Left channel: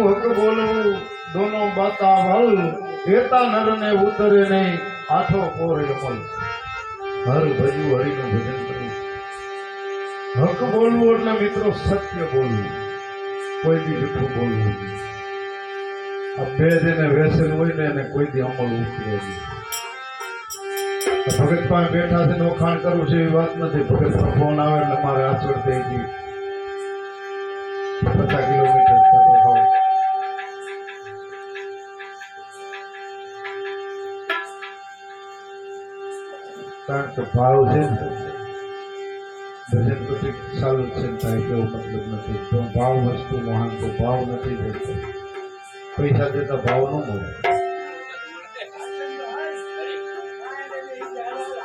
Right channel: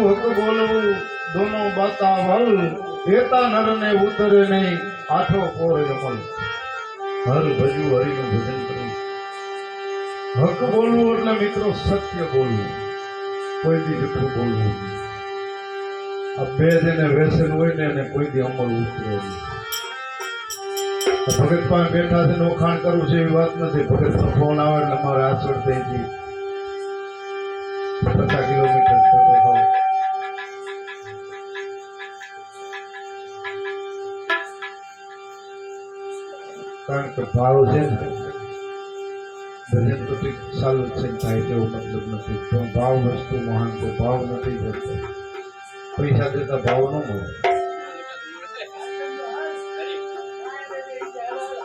हक बोलू दोनों बाता भल एता नर ने उतरे नहीं आठो पोर यमल हर भजू हरि नु भजन करू हक बोलू એટલે મિત્રો સત્ય બોલવું કોઈ દી જૂઠું બોલવું આ બે જેને વ્યસન હોય ને એને કોઈ દી અમલ ઉતરે નહીં ભગત પાસે બેઠા છે ઓખાણ કરવું છે એવી વાત નથી ભગત ફોન આવે એટલે મારે આચરણ થઈ ગઈ 50 કિલોમીટર કારણ કે ભાવ છે ને ભજન તો ઠીક ચાલુ જ છે થાય તેવો મતલબ નથી પણ ભાવ વસ્તુ મહાન છે ભાવ નથી પડતો પૈસા દેતા ભાવ ન મળે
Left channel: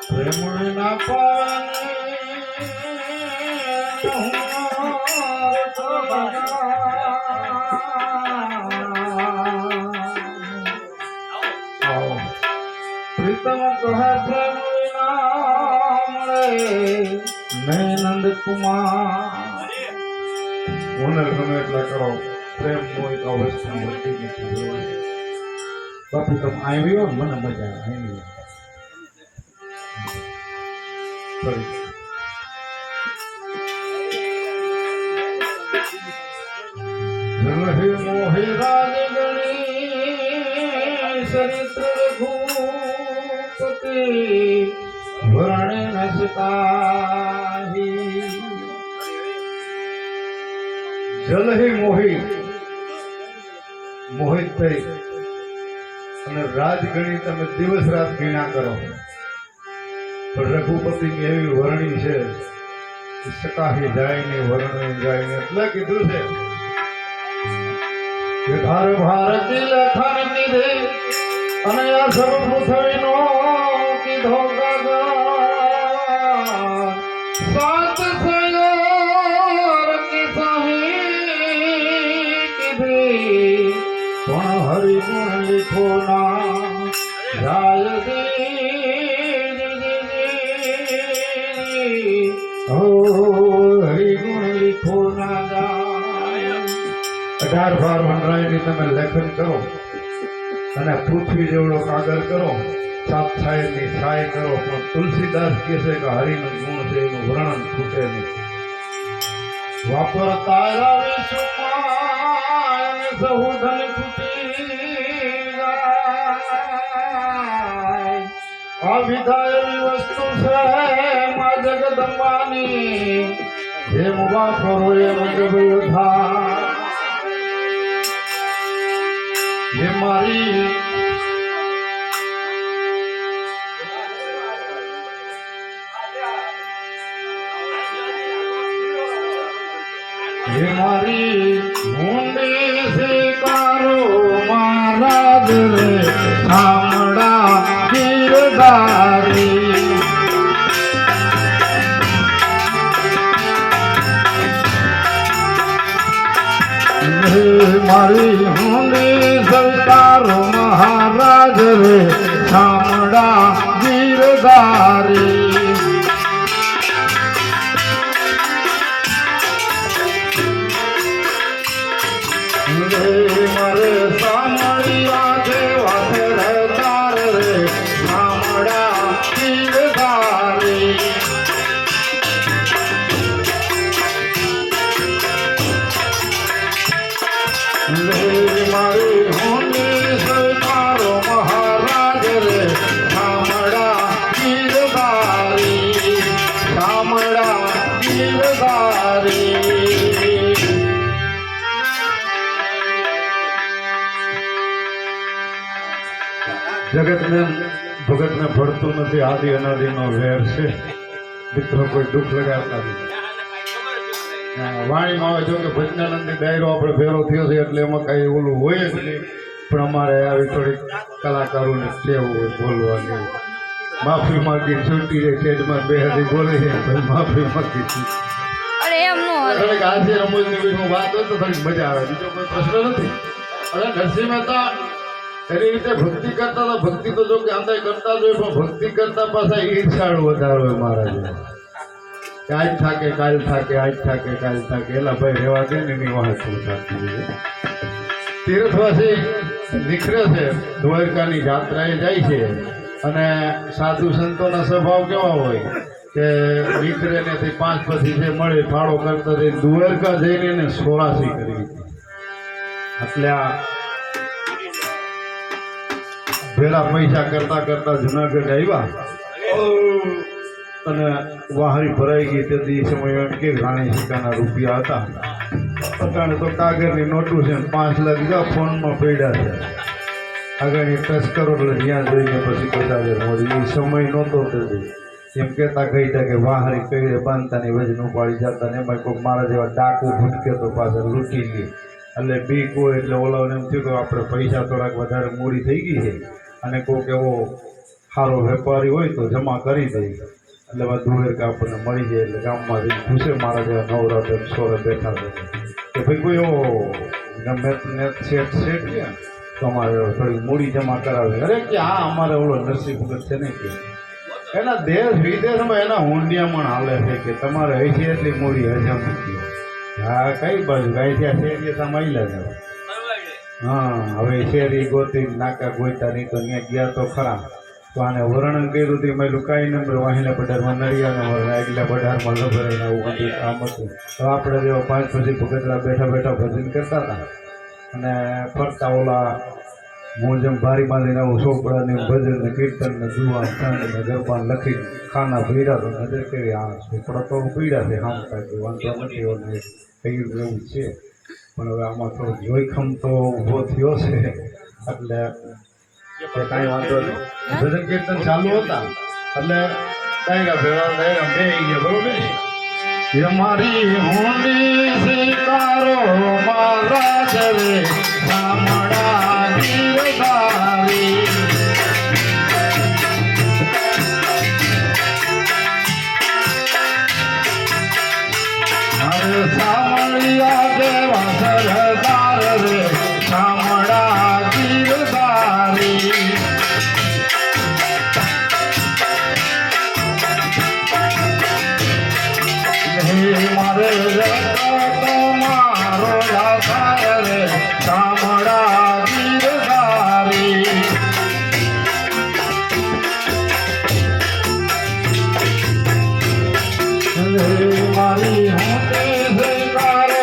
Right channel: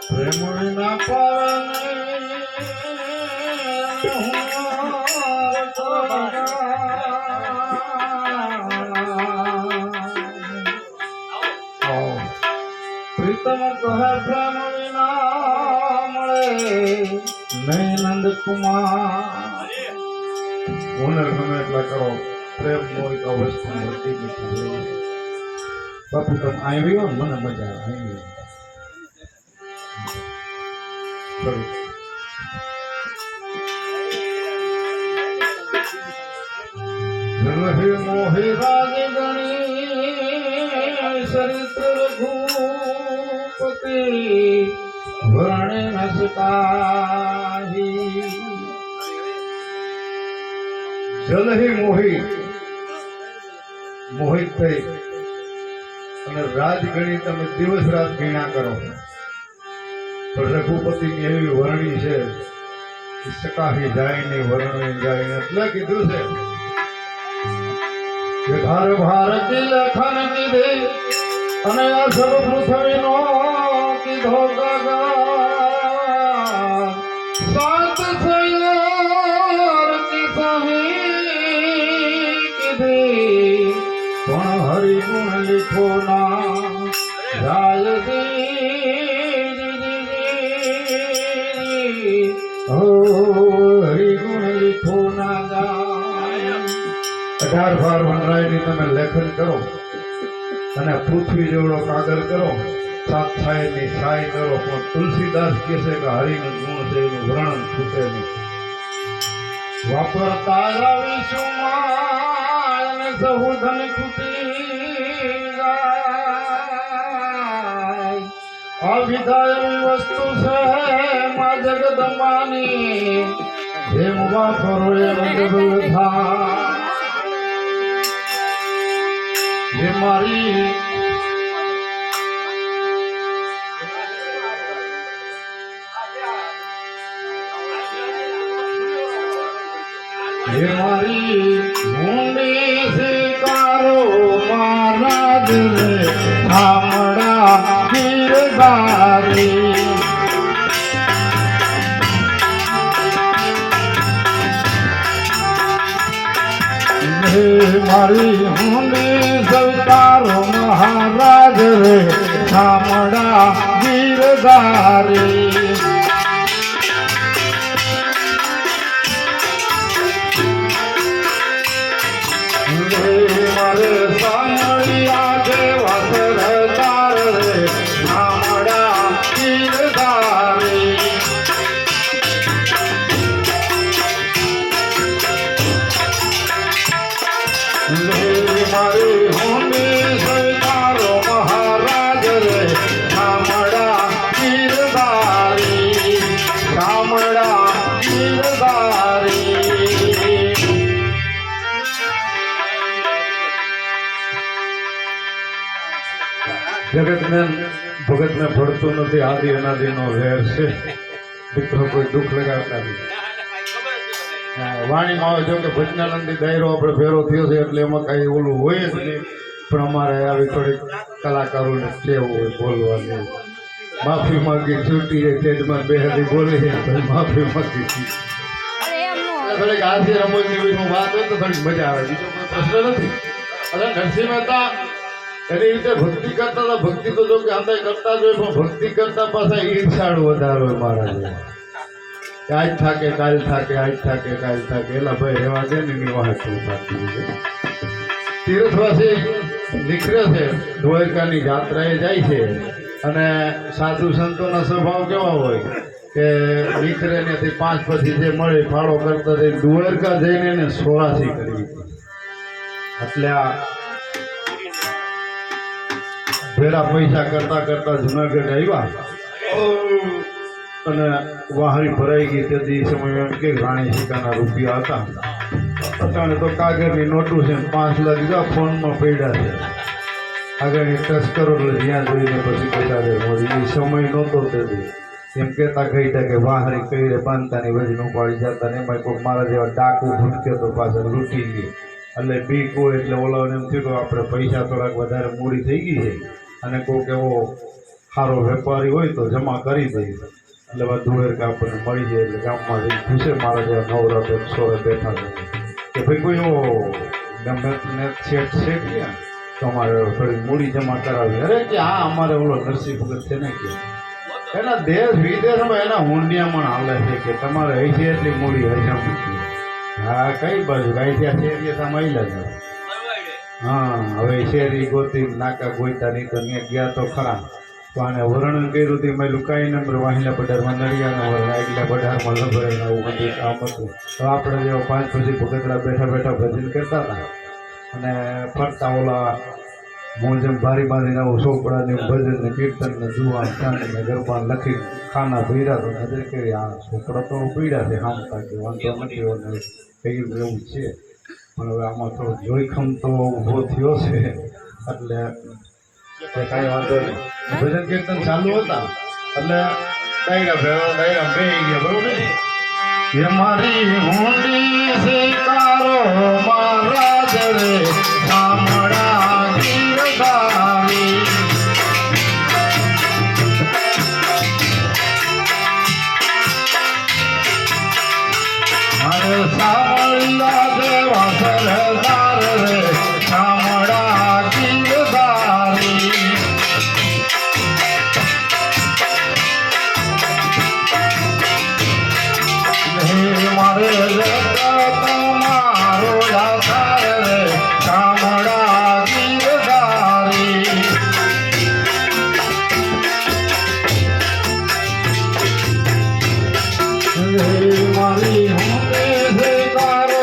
પ્રેમ ના પાવે પ્રીતમ કહે પ્રેમ नहीं नंद कुमार हुनर गमे એટલા કરો પ્રેમ મોહિત અવસ્થા મળતી નથી બાપુ તમે આવ્યો મને મજા આવી જલહે મોહી રાજ ગણી ચરિત્ર રઘુપતિ વર્ણે નસકાહી જલહી મોહી મોહિત થઈ અને રાજગણી તમે દિવસ રાત ગીણા કરો પણ રઘુપતિની એવી વર્ણી છે સકાહી જાય નહીં વર્ણન જાય નહીં એટલે કીધું છે કે ધાર ભારતી લખન કીધી અને આ સર્વ પૃથ્વીનો કીધો सात सयोर की सही किधी पण हरि गुण लिखो ना जाय हो हरि गुण लिखो ना जाय 18 बार વનરાયની તમે લેખન કરો અને પૃથ્વી જેવડો કાગળ કરો सात छाया ની છાય કરો પણ તુલસીદાસ કહે છે કે હરિનું ગુણ છે એનું વર્ણન ખૂટે નહીં વાપરતા રવિ સુમાન સહુધન ખૂટી જાય અવિધાય વસ્તુ છે મા જગદંબાની જેમ વાપરો એમ ડબલ થાય ये मारी मुंडे से कारो मारा दिल थामड़ा गिरदारी मारी मुंडे से कारो महाराज रे थामड़ा गिरदारी जगत में भगत में भरतु नहीं आदि अनादि नो वेर से मित्रों कोई दुख लगाता नहीं वाणी में जो कि भजनानंदी दायरो अपने फेरो थयो छे એટલે એમાં કઈ ઓલું હોય જ નહીં પણ અમારે આવી થોડી કલાકારોને ટેવ હોય બોલવાની માફી માંગી છૂટી રે પેટમાં બેહાડી બોલે છે ભાઈ માફી માંગી અરે એમ નો થોડી હાસ્ય રમૂજની વિનો વાત હોય તો થોડી મજા આવે બીજો કોઈ પ્રશ્ન નથી અરે નરસિંહ મહેતા એની રીતે ભક્તિ કરતા હતા ભક્તિ તો જો કે અંદર કરતા જ હોય પણ ભક્તિ કરતા પાછા ઈર્ષાળ વધારો હોય મહારાજ કે આજ થાકે કાલ થાકે આજ થાકે કાલ થાકે એલા ભાઈ રહેવા દે ને એની વાત સાચી છે તીર્થવાસી નીકળે છે, દ્વારકાની જાત્રાએ જાય છે અને સાધુ સંતોનો સ્વભાવ કેવા હોય કે નીકળે ને 5 પછી જે મળે ફાળો કરતા થઈ દ્વારકા જઈને એને 84 કરી એટલે આ ભેળા પૈસા કરતા કરતા જુનાગઢ આવ્યા અને વાહરી ભરાઈ ગઈ તે સમય એમ કે રાણી સિક્કાના રૂપિયા હતા અટાણે તો કાગળની નોટું છે 5 લાખ જા ફોનમાં પડ્યા છે આગળની તસ્કરો એટલે જ્યાં જોઈને પછી બતાવે એ સમય નહોતો તેથી એમ કહેતા કહીતા કે વાહરી કઈ બાંધતાની વજન ઉપાડી જતા ને એમાં કોઈ મારા જેવા ડાકુ ભૂટકે તો પાછળ લૂંટી લે એટલે બીક હોય એટલે ઓલાને એમ થયું કે આપણે પૈસા થોડાક વધારે મૂડી થઈ ગઈ છે અને કોઈક એવો સારો વેપારી હોય તો જમા કરી દઈએ એટલે બધું આપણને મળી જાય એટલે ગામમાં જઈને પૂછે મારા જેવા નવરા બેન સોરે બેઠા છે કે ભાઈ કોઈ એવો ગમે શેઠ છે તમારે થોડી મૂડી જમા કરાવી અરે કે હા અમારે ઓલો નરસિંહ ભગત છે ને કે એના દેશ વિદેશમાં એના હુંડિયામણ હાલે છે કે તમારે હશે એટલી મૂડી હશે મૂકી હા કઈ બાજુ ગાયઠિયા શેરીએ તમે આવેલા જાવ હા હવે શેરી ગોતી નાકા ગોઈતા નહીં તો ત્યાં ગયા તો ખરા તો આને વર્ણન કર્યું હતું મેં લુકાઈ નંબર વાહિલા બઢારમાં નડિયાના વર્ણ આગલા બઢારમાં લભરાઈને આવું બધું કામ હતું હવે આપણે જેવા 5 પછી ભગતડા બેઠા બેઠા ભજન કરતા હતા અને ફરતા ઓલા હું જેમ ભારી બાંધીને આવું ચોપડાને ભજન ને કીર્તન ને દુઆ ને ગરબા લખી ખાના ભીડા તો નજર કરી આ ચોપડા તો પીડા છે હામ થાય વાંધો નથી કઈ એવું છે પણ હવે આમાં થોડો જોખમ તો ઊભો થયો છે એટલે કાંઈ વાંધો નહીં ભજન કીર્તન ચાલુ હતા એટલે ડાયરા ભેળા ડાયરા બે ગયા બરોબર એ મારી હોલી શિકારો મારા દરે